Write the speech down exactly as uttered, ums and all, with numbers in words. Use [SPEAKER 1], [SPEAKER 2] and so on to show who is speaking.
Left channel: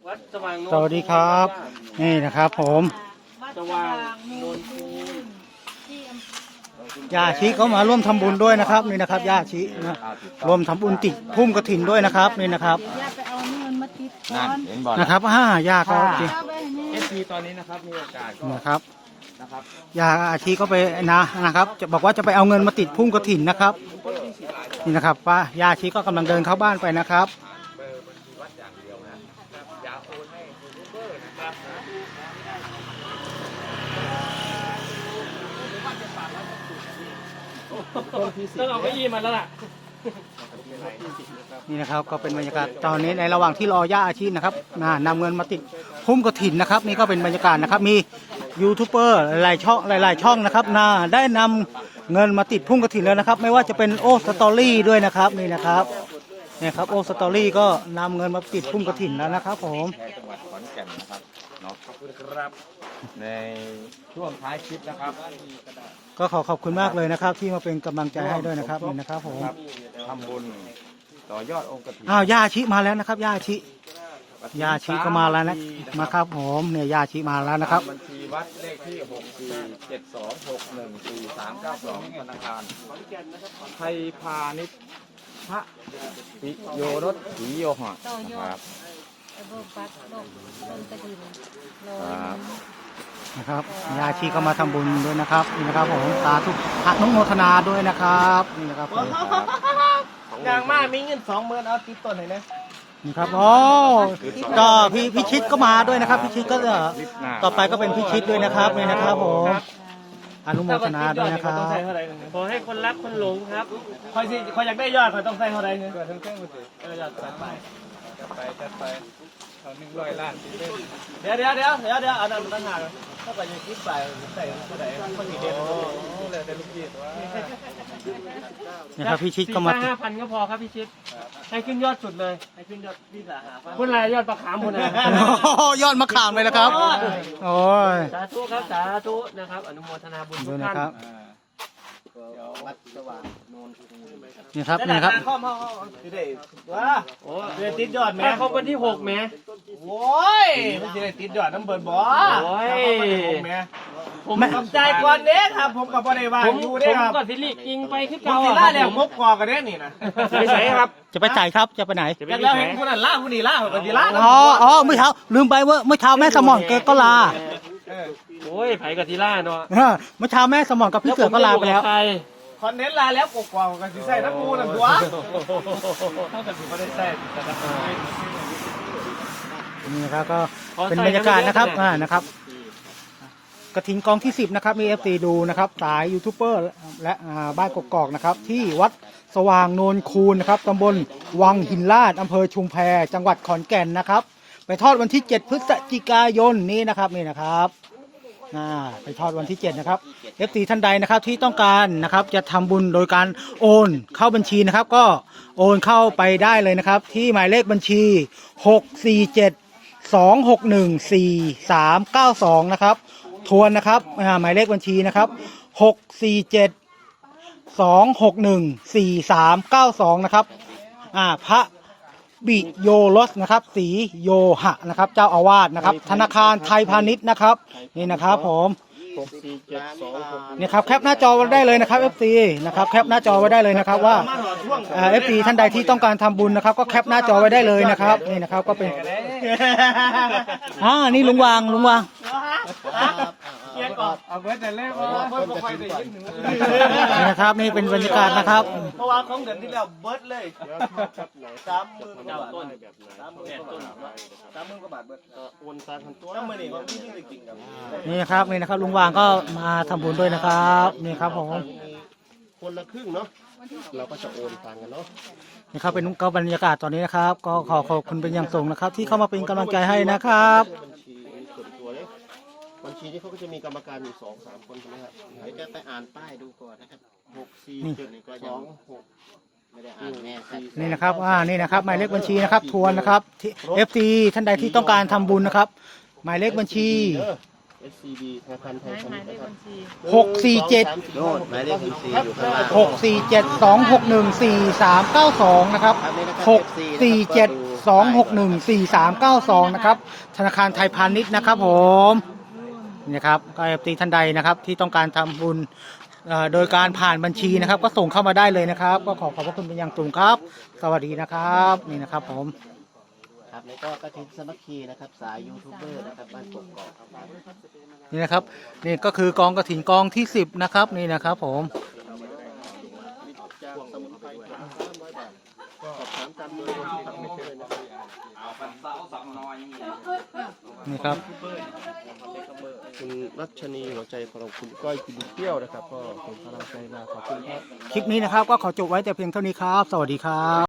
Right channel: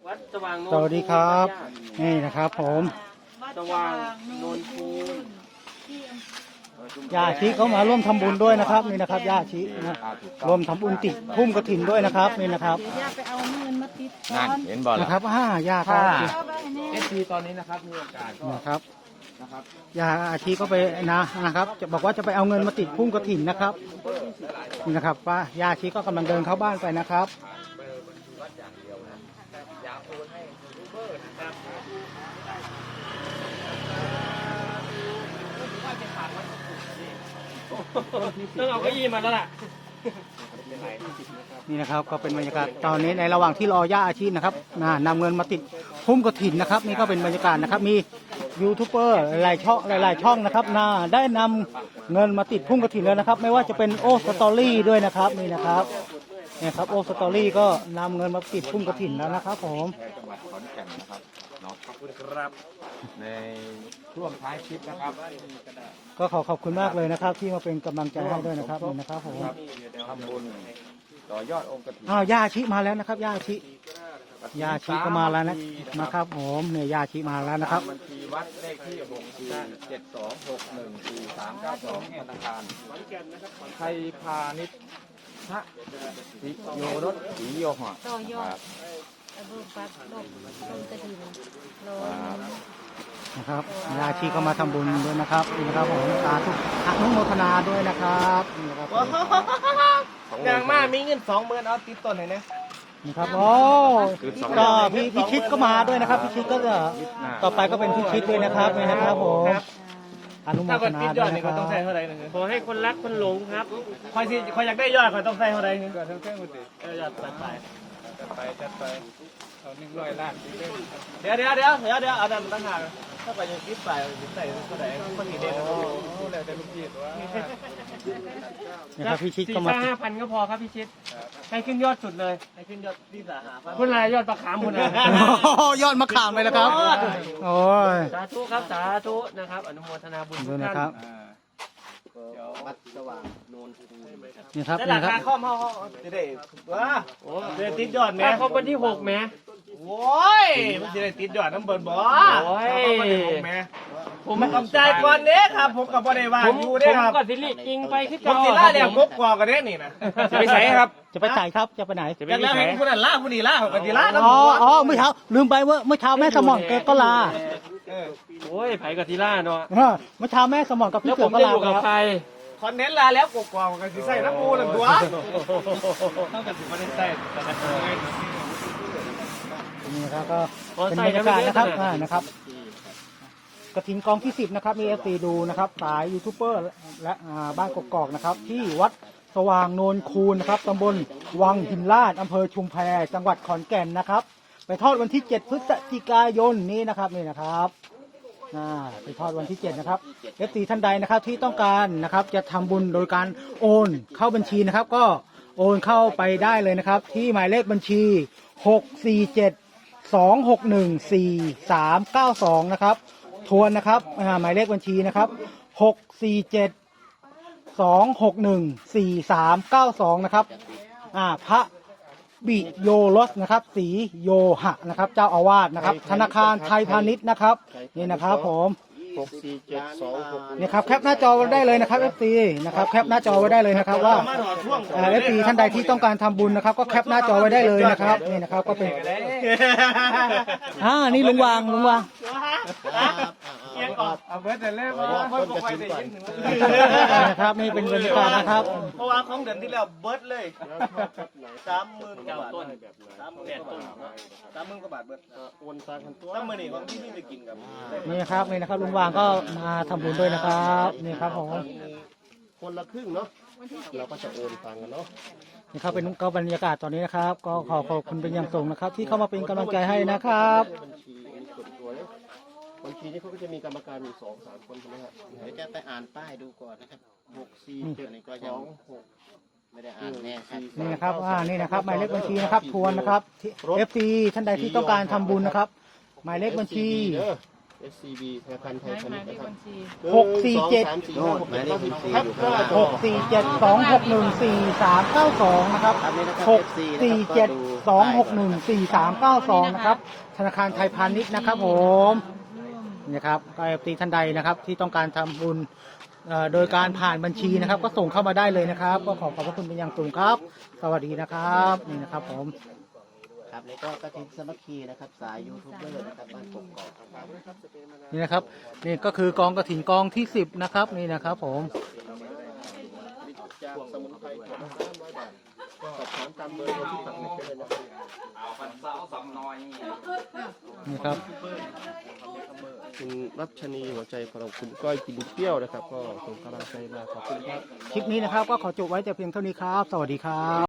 [SPEAKER 1] วัดสว่างโนน
[SPEAKER 2] สวัสดีครับนี่นะครับผม
[SPEAKER 1] สว่างโนนคูน
[SPEAKER 2] ญาชิเขามาร่วมทำบุญด้วยนะครับนี่นะครับญาชินะร่วมทำบุญติดพุ่มกระถินด้วยนะครับนี่นะครับ
[SPEAKER 3] ย่าไปเอาเงินมาติดก่
[SPEAKER 4] นั่
[SPEAKER 3] อน น
[SPEAKER 4] เห็นบอล
[SPEAKER 2] นะครับอ่าญาครับ
[SPEAKER 1] เอฟซีตอนนี้นะครับมีโอกาสก็
[SPEAKER 2] นะครับ
[SPEAKER 1] นะครับ
[SPEAKER 2] ญาชิก็ไปนะนะครับจะบอกว่าจะไปเอาเงินมาติดพุ่มกระถินนะครับนี่นะครับว่าญาชิก็กำลังเดินเข้าบ้านไปนะครับ
[SPEAKER 1] ต้องเอาเก้าอี้มาแล้วล่ะ
[SPEAKER 2] นี่นะครับก็เป็นบรรยากาศตอนนี้ในระหว่างที่รอย่าอาชีพนะครับนะนำเงินมาติดพุ่มกระถินนะครับนี่ก็เป็นบรรยากาศนะครับมียูทูบเบอร์หลายๆช่องหลายๆช่องนะครับนะได้นำเงินมาติดพุ่มกระถินแล้วนะครับไม่ว่าจะเป็นโอสตอรี่ด้วยนะครับนี่นะครับนี่ครับโอสตอรี่ก็นำเงินมาติดพุ่มกระถินแล้วนะครับผม
[SPEAKER 4] จังหวัดขอนแก่นนะครับเนาะขอบคุณครับในช่วงท้ายคลิปนะครับ
[SPEAKER 2] ก็ขอขอบคุณมากเลยนะครับ ที่มาเป็นกำลังใจให้ด้วยนะครับนี่นะครับผม
[SPEAKER 4] ทำบุญต่อยอดองค์กฐิน
[SPEAKER 2] อ้าวย่าชิมาแล้วนะครับย่าชิย่าชิก็มาแล้วนะนะครับผมเนี่ยย่าชิมาแล้วนะครับ
[SPEAKER 4] บัญชีวัดเลขที่หกสี่เจ็ดสองหกหนึ่งสี่สามเก้าสองธนาคารไทยพาณิชย์พระปิโยรสสีโยหะ
[SPEAKER 3] ต่อยอ
[SPEAKER 4] ค
[SPEAKER 3] ด
[SPEAKER 4] รับ
[SPEAKER 3] ระบบปัดลมลมตะดินโรยหนึ่ง
[SPEAKER 2] นะครับญาชีก็มาทำบุญด้วยนะครับนี่นะครับผมสาธุอนุโมทนาด้วยนะครับนี่นะครับผม
[SPEAKER 1] อย่างมากมีเงินสองหมื่นเอาติดต้นเลยนะ
[SPEAKER 2] นี่ครับโอ้ก็พี่พิชิตก็มาด้วยนะครับพิชิตก็จะต่อไปก็เป็นพิชิตด้วยนะครับนี่นะครับผมอนุโมทนาด้วยนะครับ
[SPEAKER 1] ขอให้คนรักคนหลงครับคอยสิคอยอยากได้ยอดเขาต้องใส่เท่าไรเงินก็ทั้งเครื่องมันสิเออยอดจัดไปจัดไปจัดไปเขาหนึ่งร้อยล้านเดี๋ยวเดี๋ยวเดี๋ยวเดี๋ยวเดี๋ยวเอาดันมาตั้งหากถ้าไปยังคิดไปใส่เท่าไหร่คนสีเด่นโอ้เลยแต่ลูกพีดว่า
[SPEAKER 2] นะครับพิชิตก็มา
[SPEAKER 1] ห้าพันก็พอครับพี่ชิดให้ขึ้นยอดสุดเลยให้ขึ้นยอดที่สาหาคุณอะไรยอดประคามคุณอะไร
[SPEAKER 2] โอ้ยอดมะขามเลยนะครับโอ้ย
[SPEAKER 1] สาธุครับสาธุนะครับอนุโมทนาบุญทุ
[SPEAKER 2] ดู
[SPEAKER 1] ก
[SPEAKER 2] นะค
[SPEAKER 1] ท่า
[SPEAKER 2] รับ
[SPEAKER 1] น
[SPEAKER 2] นี่ครับนี่ครับ
[SPEAKER 1] ข้อมข้อจะได้ว้าโอ้เดือนติดยอดแม่ครบวันที่หกแม่โอ้ยมันจะได้ติดยอดน้ำเบิร์นบ่โอ้ยผมกำใจก่อนเด้ครับผมกับพ่อได้ว่าอยู่เด้ครับผมก็สิริกิงไปคือเก่าครับผมมกกว่ากันเด้นี่นะไปใส่ครับ
[SPEAKER 2] จะไปจ่ายครับจะไปไหน
[SPEAKER 1] จากแล้วเห็นคนนั้นล่าคนนี้ล่าคนนี้ล่าน้ำ
[SPEAKER 2] อ๋อ
[SPEAKER 1] หัว
[SPEAKER 2] อ๋อไม่เท้าลืมไปว่าเมื่อเช้าแม่สมอนแกก็ลา
[SPEAKER 1] โอ้ยไผ่กับทีล่าเนาะ
[SPEAKER 2] เออเมื่อเช้าแม่สมอนกับพี่เสือก็ลาไปแล้ว
[SPEAKER 1] คอนเทนต์ลาแล้วกกว่ากันสิใส่น้ำปูนั่นตัวเท่ากันสิไม่ได้ใส่แต่กัน
[SPEAKER 2] นี่นะครับก็เป็นบรรยากาศนะครับอ่านะครับกระถินกองที่สิบนะครับมีเอฟซีดูนะครับสายยูทูบเบอร์และอ่าบ้านกกอกนะครับที่วัดสว่างโนนคูนนะครับตำบลวังหินลาดอำเภอชุมแพจังหวัดขอนแก่นนะครับไปทอดวันที่เจ็ดพฤศจิกายนนี้นะครับนี่นะครับอ่าไปทอดวันที่เจ็ดนะครับเอฟซีท่านใดนะครับที่ต้องการนะครับจะทำบุญโดยการโอนเข้าบัญชีนะครับก็โอนเข้าไปได้เลยนะครับที่หมายเลขบัญชีหกสี่เจ็ดสองหกหนึ่งสี่สามเก้าสองนะครับทวนนะครับหมายเลขบัญชีนะครับหกสี่เจ็ดสองหกหนึ่งสี่สามเก้าสองนะครับอ่าพระบิโยรสนะครับสีโยหะนะครับเจ้าอาวาสนะครับธนาคารไทยพาณิชย์นะครับนี่นะครับผมนี่ครับแคปหน้าจอไว้ได้เลยนะครับ เอฟ ซี นะครับแคปหน้าจอไว้ได้เลยนะครับว่าเอฟซีท่านใดที่ต้องการทำบุญนะครับก็แคปหน้าจอไว้ได้เลยนะครับนี่นะครับก็เป็นอ่านี่ลุงวางลุงวาง
[SPEAKER 1] เอาเบิร์ดแต่แรกว่าเบิร์ดบอกไปได้ยิน
[SPEAKER 2] นะครับนี่เป็นบรรยากาศนะครับ
[SPEAKER 1] เพราะว่าของเดือนที่แล้วเบิร์ดเลยสามหมื่นกว่าบาทสามหมื่นกว่าบาทสามหมื่นกว่าบาทเบิร์ดโอนซาคันตัวสามหมื่นนี่ของที่นี่ได้กินกับ
[SPEAKER 2] นี่ครับนี่นะครับลุงวางก็มาทำบุญด้วยนะครับนี่ครับผม
[SPEAKER 5] คนละครึ่งเนาะเราก็จะโอนตังกันเนาะ
[SPEAKER 2] นี่ครับเป็นก็บรรยากาศตอนนี้นะครับ ก็ขอขอบคุณเป็นอย่างสูงนะครับ ที่เข้ามาเป็นกำลังใจให้นะครับ
[SPEAKER 5] บัญชีส่วนตัวเนี่ยบัญชีนี้เขาก็จะมีกรรมการอยู่สองสามคนใช่ไหมครับเดี๋ยวจะไปอ่านป้ายดูก่อนนะครับหกสี่เจ็ดสองหกไม่ได้อ่านแน่
[SPEAKER 2] นี่นะครับอ่านี่นะครับหมายเลขบัญชีนะครับทวนนะครับเอฟซีท่านใดที่ต้องการทำบุญนะครับหมายเลขบัญชี
[SPEAKER 5] เอส ซี บี ธนาคารไทยพาณิชย์นะครับ
[SPEAKER 2] หกสี่เจ็ด
[SPEAKER 5] โน่นหมายเลขบัญชีอยู่ข้างล่าง
[SPEAKER 2] หกสี่เจ็ดสองหกหนึ่งสี่สามเก้าสองนะครับหกสี่เจ็ดสองหกหนึ่งสี่สามเก้าสองนะครับธนาคารไทยพาณิชย์นะครับผมนี่ครับก็เอฟซีท่านใดนะครับที่ต้องการทำบุญเอ่อโดยการผ่านบัญชีนะครับ ก็ส่งเข้ามาได้เลยนะครับ ก็ขอขอบพระคุณเป็นอย่างสูงครับ สวัสดีนะครับนี่นะครับผม
[SPEAKER 5] ครับแล้วก็กฐินสามัคคีนะครับสายยูทูบเบอร์นะครับบ้านกกอกครับ
[SPEAKER 2] นี่นะครับนี่ก็คือกองกฐินกองที่สิบนะครับนี่นะครับผม
[SPEAKER 5] จากสมุนไพรสามร้อยบาทก็สอบถามตามเบอร์โทรที่สั่งไม่เจอเลยนะครับ
[SPEAKER 2] นี่ครับ
[SPEAKER 5] คุณรัชนีหัวใจของเราคุณก้อยกินเปรี้ยวนะครับ ก็ส่งกำลังใจมาขอบคุณครับ
[SPEAKER 2] คลิปนี้นะครับก็ขอจบไว้แต่เพียงเท่านี้ครับ สวัสดีครับ